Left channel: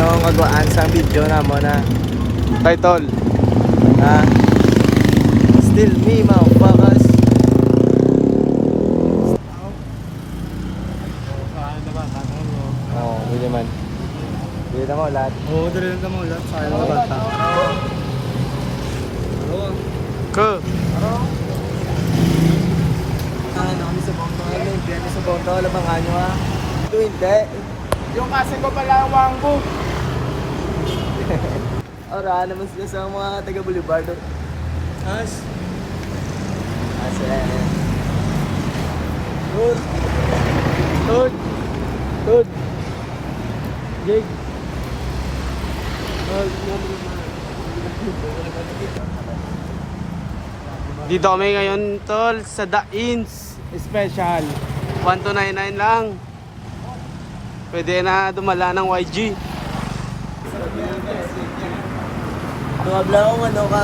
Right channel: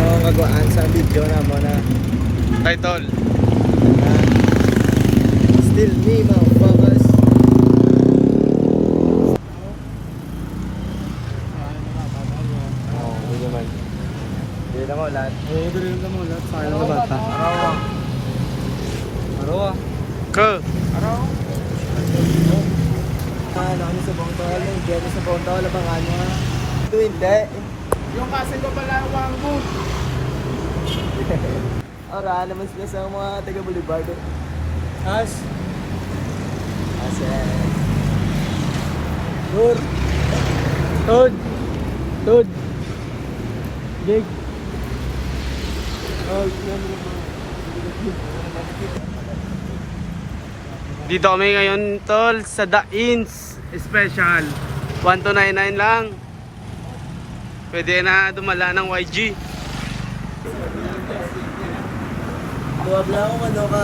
yung kagwaan sa video na mo na Title. ah, still me motherfuckers. Oo, hindi naman. Hindi naman lahat. Oo, dali lang naman lahat. Sayang mo bata. Araw. Ko. Araw. Ano kami sa Bongtol, may biyano sa Bongtol, abangan nyo ha. Ito hindi. Yung kaso ko pala ang wangbo. Ora naman sila sa mga taga Boulevard. As. Good. Good. Good. Good. Dito kami ngayon tol sa The Inns Special. 1299 lang. Pwede na dumala ng YG. Tuwag lang kung ano ka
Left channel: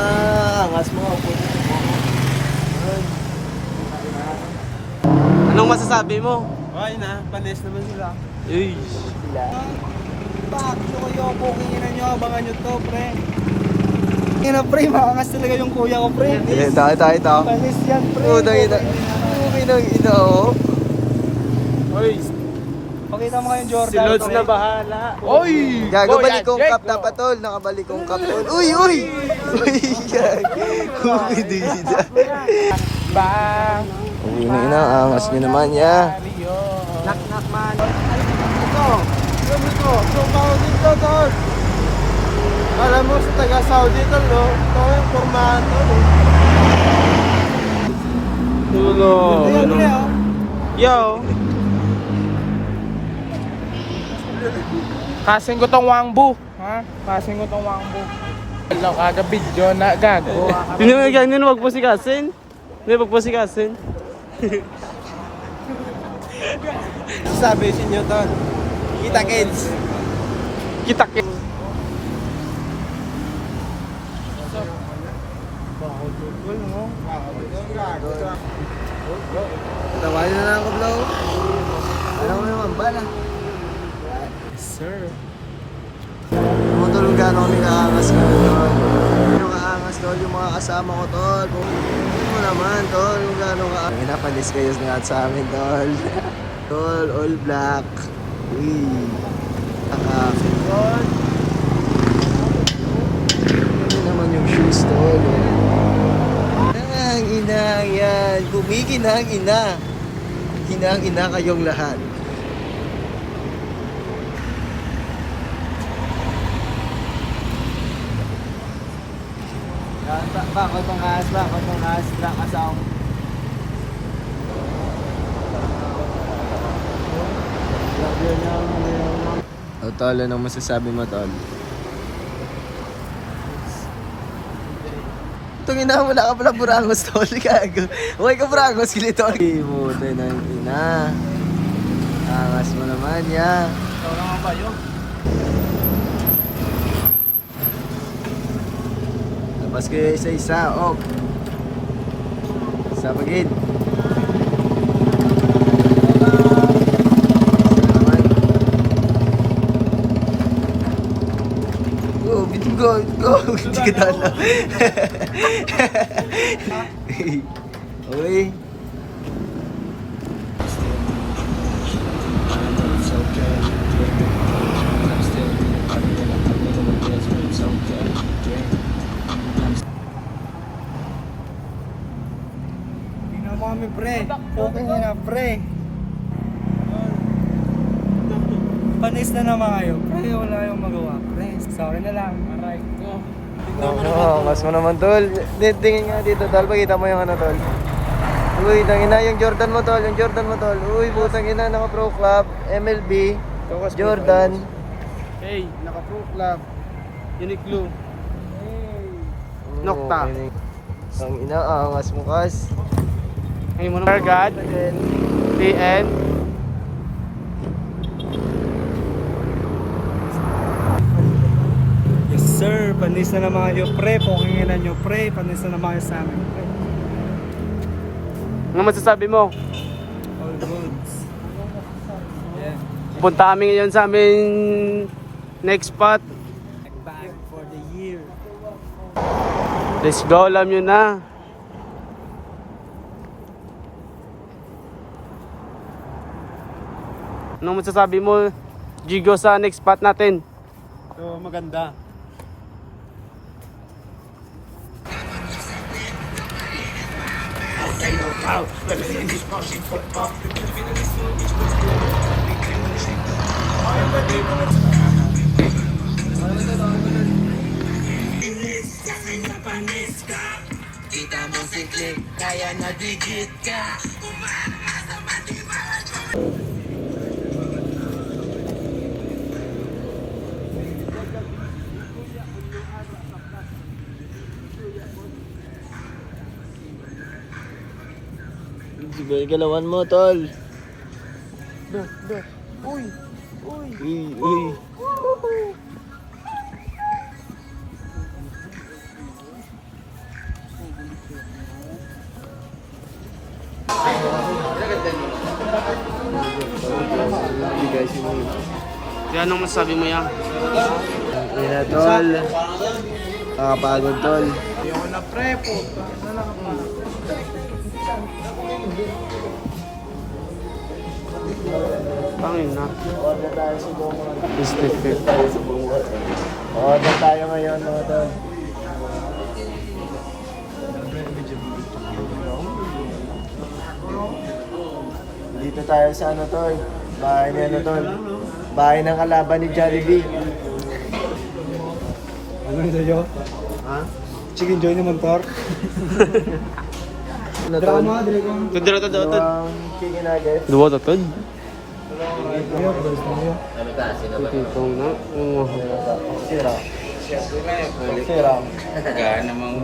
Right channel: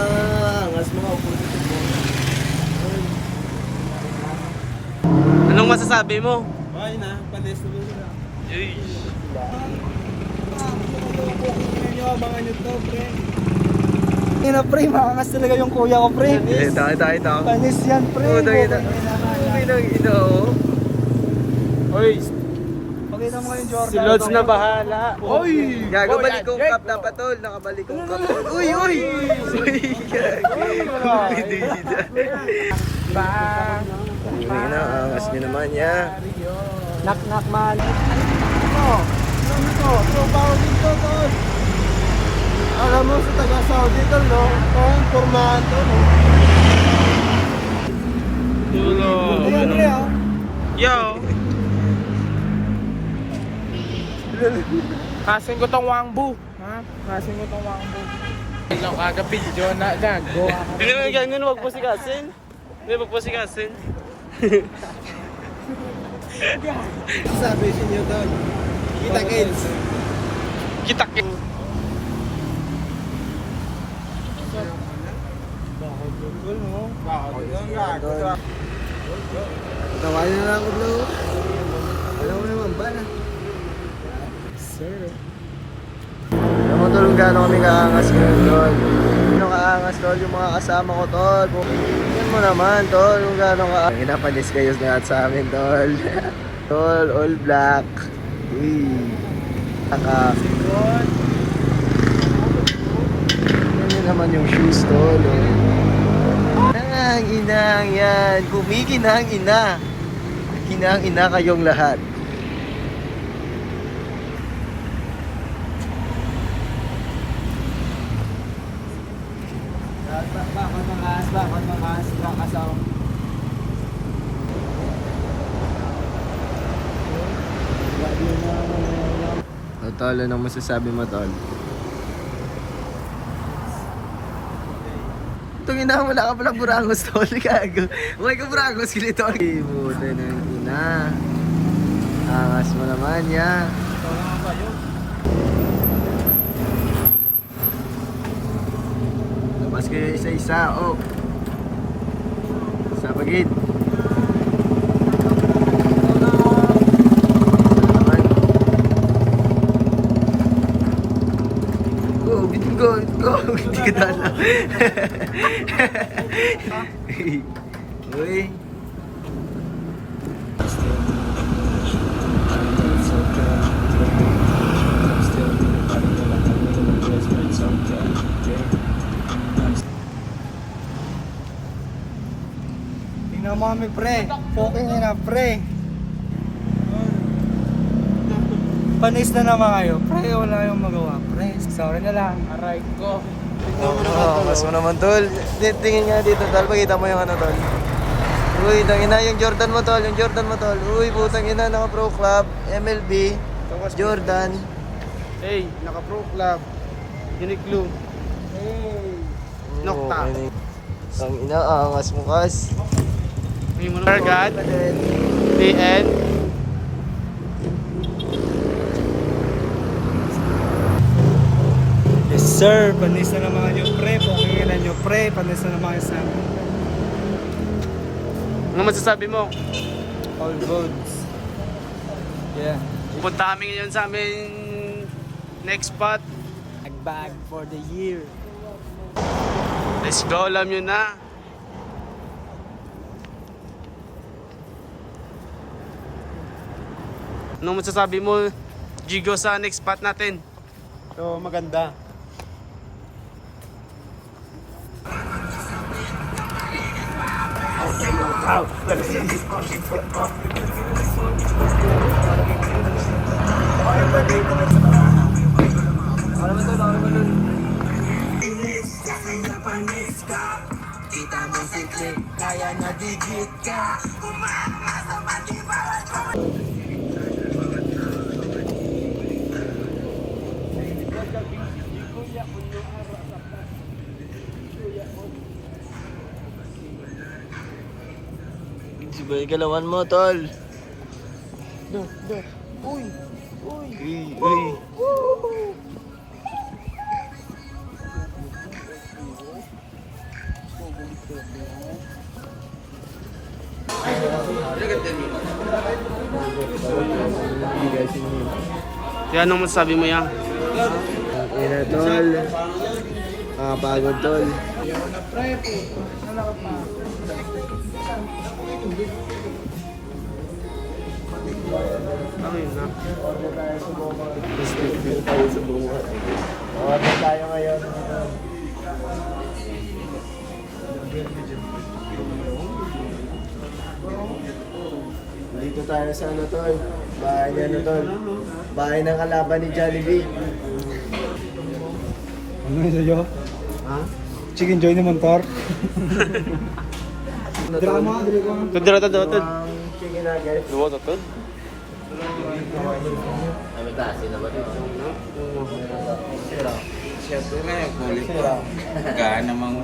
angas mo, upo dito po mo. Anong masasabi mo? Okay na, panis naman sila. Uy. Gusto ko yung booking nyo, abangan nyo to, pre. Ina, pre, makangas talaga yung kuya ko, pre. Ito. Panis yan, pre. Ito. Ito. Uy, pakita mo kayong Jordan. Si Lods na bahala. Uy! Gago, balikong cup dapat tol. Nakabalikong cup tol. Uy! Uy! Hindi. Yun na, angas nyo naman ya. Knock man. Ito, yung pound dito, tol. Alam mo sa taga Saudi, tol, no? Ito, formahan to, no? Tulo. Ayan, pre, oh. Yo. Kasing ko tong wangbo, ha? Kasing ko tong wangbo. Lang video na gago. Yun, wag po si Kasin. Wag po si Kasin. Sabi sa inyo tol. Kita kids. Kita kin. Tawain na lang ako, bro. Alam mo naman, bala. Sir. Alam mo tol, gano'n kami kaangas ngayon tol. Sino kaangas tol? Yung mga kasama ko tol. Tingnan mo naman tol, yung gano'n ka. Pinapanis kayo lahat sa amin tol. Tol, all black. Uy. Nakakikot. Yan naman yung shoes tol. Oh. Ang inang yan. Kumikinang ina. Kinang ina kayong lahat. Bakod mangas, kakasaw. Grabe na ano yun. O tol, anong masasabi mo tol? Itong ina, wala ka pala burangos tol, kago. Huwag ka burangos kilito. Ibuti ng ina. Angas mo naman ya. Ito naman ba yun? Labas kayo isa-isa, op. Sa pagid. Isa naman. Go. Hindi ka dala. Uy. Tingnan mo kami, pre. Okay na, pre. Panis na naman kayo. Pre, wala kayong magawa. Pre, sorry na lang. Aray ko. Mas mo naman tol. Tingin nga dito tol, pakita mo yung ano tol. Uy, tangina yung Jordan mo tol, Uy, putang ina, naka Pro Club, MLB, Jordan. Hey, naka Pro Club. Uniqlo. Nokta. Tangina, angas mo kas. Targat. TN. Yes, sir. Panis na naman kayo, pre. Pukinginan nyo, pre. Panis na naman kayo sa amin. Ano masasabi mo? All roads. Yeah. Punta kami ngayon sa amin next spot. Bag for the year. Let's go, alam nyo na. Anong masasabi mo, Jigo, sa next spot natin? So, maganda. Sibay galawan mo, tol. Uy. Kaya anong masasabi mo yan? Ina, tol. Nakapagod, tol. Ayoko na pre po. Tangin na. Order tayo sa buong Respective. Order tayo ngayon, mga tol. Dito tayo sa ano, tol. Bahay ni ano, tol. Bahay ng kalaban ni Jollibee. Ano sa'yo? Ha? Chicken joy naman, Tor. Ano, tol? Drama, dili ko. Tudra to dotod. Chicken nugget. Duwa to tod. Siyempre na, kulit. Sira. Gana mga